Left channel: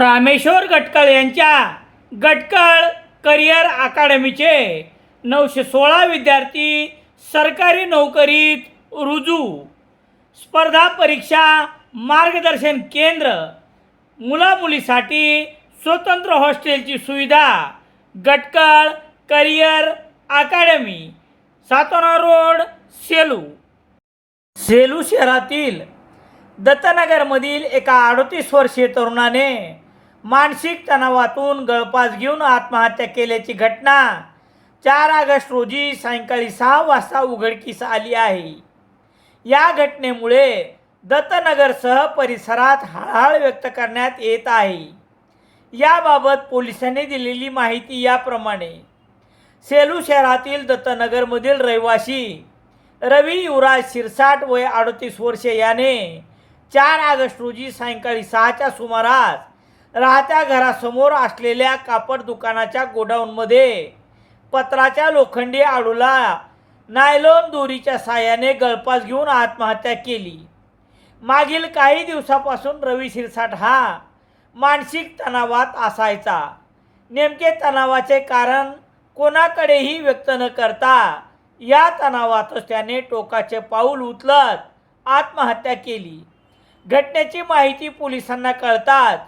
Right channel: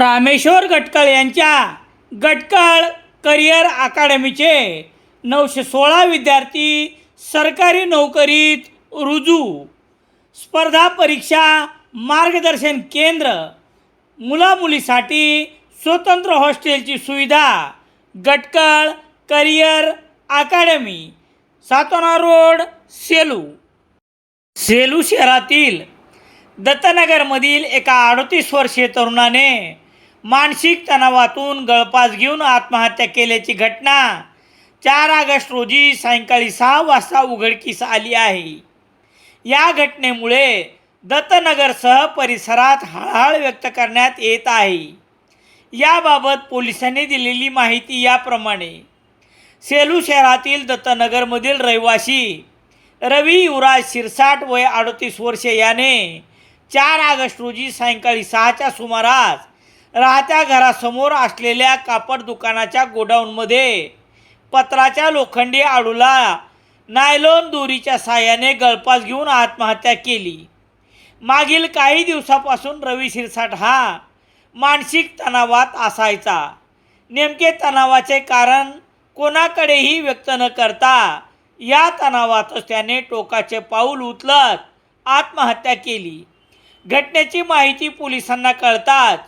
रामेश्वर गटकळ यांच्या गटकळ करिअर अकादमीचे 916 विद्यार्थी सरकारी नोकरीत रुजू. स्पर्धा परीक्षा मार्गदर्शन केंद्र, मुलामुलीसाठी स्वतंत्र हॉस्टेलची सुविधा. गटकळ करिअर अकादमी, सातोना रोड, सेलू. सेलू शहरातील दत्तनगरमधील एका 38 वर्षीय तरुणाने मानसिक तणावातून गळफास घेऊन आत्महत्या केल्याची घटना 4 ऑगस्ट रोजी सायंकाळी 6 वाजता उघडकीस आली आहे. या घटनेमुळे दत्तनगरसह परिसरात हळहळ व्यक्त करण्यात येत आहे. याबाबत पोलिसांनी दिलेली माहिती याप्रमाणे: सेलू शहरातील दत्तनगरमधील रहिवासी रवी युवराज शिरसाट वय 38 वर्षे याने 4 ऑगस्ट रोजी सायंकाळी 6च्या सुमारास राहत्या घरासमोर असलेल्या कापड दुकानाच्या गोडाऊनमध्ये पत्राच्या लोखंडी आडूला नायलॉन दोरीच्या साहाय्याने गळफास घेऊन आत्महत्या केली. मागील काही दिवसापासून रवी शिरसाट हा मानसिक तणावात असायचा. नेमके तणावाचे कारण कोणाकडेही व्यक्त न करता या तणावातच त्याने टोकाचे पाऊल उचलत आत्महत्या केली. घटनेची माहिती पोलिसांना कळताच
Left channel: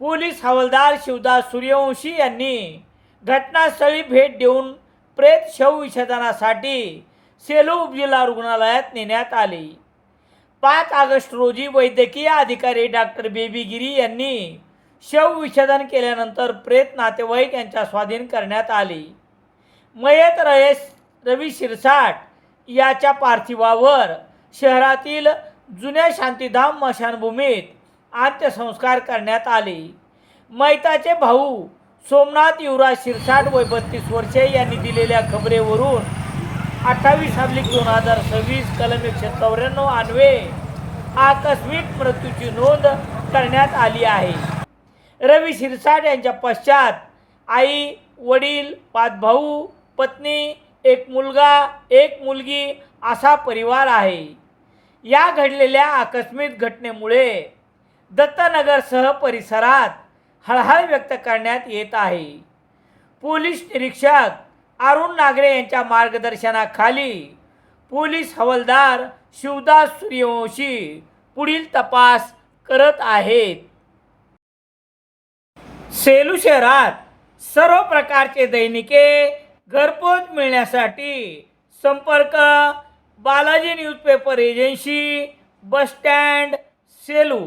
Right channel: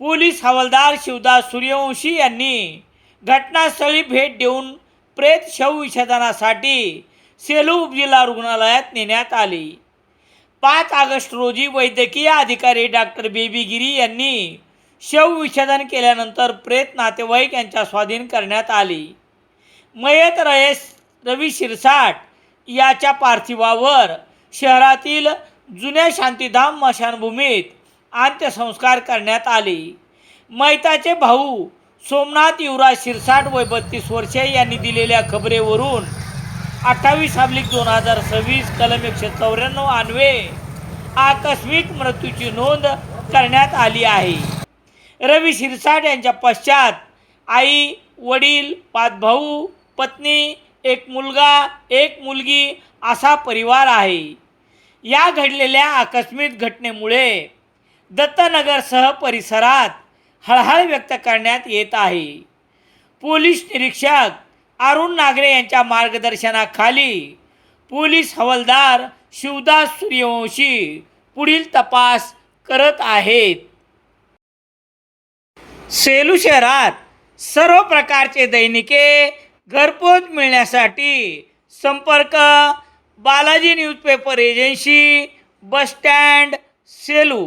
पोलीस हवालदार शिवदास सूर्यवंशी यांनी घटनास्थळी भेट देऊन प्रेत शवविच्छेदनासाठी सेलू उपजिल्हा रुग्णालयात नेण्यात आले. 5 ऑगस्ट रोजी वैद्यकीय अधिकारी डॉक्टर बेबी गिरी यांनी शवविच्छेदन केल्यानंतर प्रेत नातेवाईक यांच्या स्वाधीन करण्यात आले. मयत रवी शिरसाट याच्या पार्थिवावर शहरातील जुन्या शांतीधाम स्मशानभूमीत अंत्यसंस्कार करण्यात आले. मयताचे भाऊ सोमनाथ युवराज शिरसाट वय 32 वर्षे यांनी दिलेल्या खबरेवरून 28/2026 कलम 194 अन्वये आकस्मिक मृत्यूची नोंद करण्यात आली आहे. रवी शिरसाट यांच्या पश्चात आई, वडील, 5 भाऊ, पत्नी, 1 मुलगा, 1 मुलगी असा परिवार आहे. या घडलेल्या आकस्मिक घटनेमुळे दत्तनगरसह परिसरात हळहळ व्यक्त करण्यात येत आहे. पोलीस निरीक्षक अरुण नागरे यांच्या मार्गदर्शनाखाली पोलीस हवालदार शिवदास सूर्यवंशी पुढील तपास करत आहेत. सेलू शहरात सर्व प्रकारचे दैनिके घरपोच मिळण्यासाठी संपर्क Balaji newspaper agency, bus stand, Selu.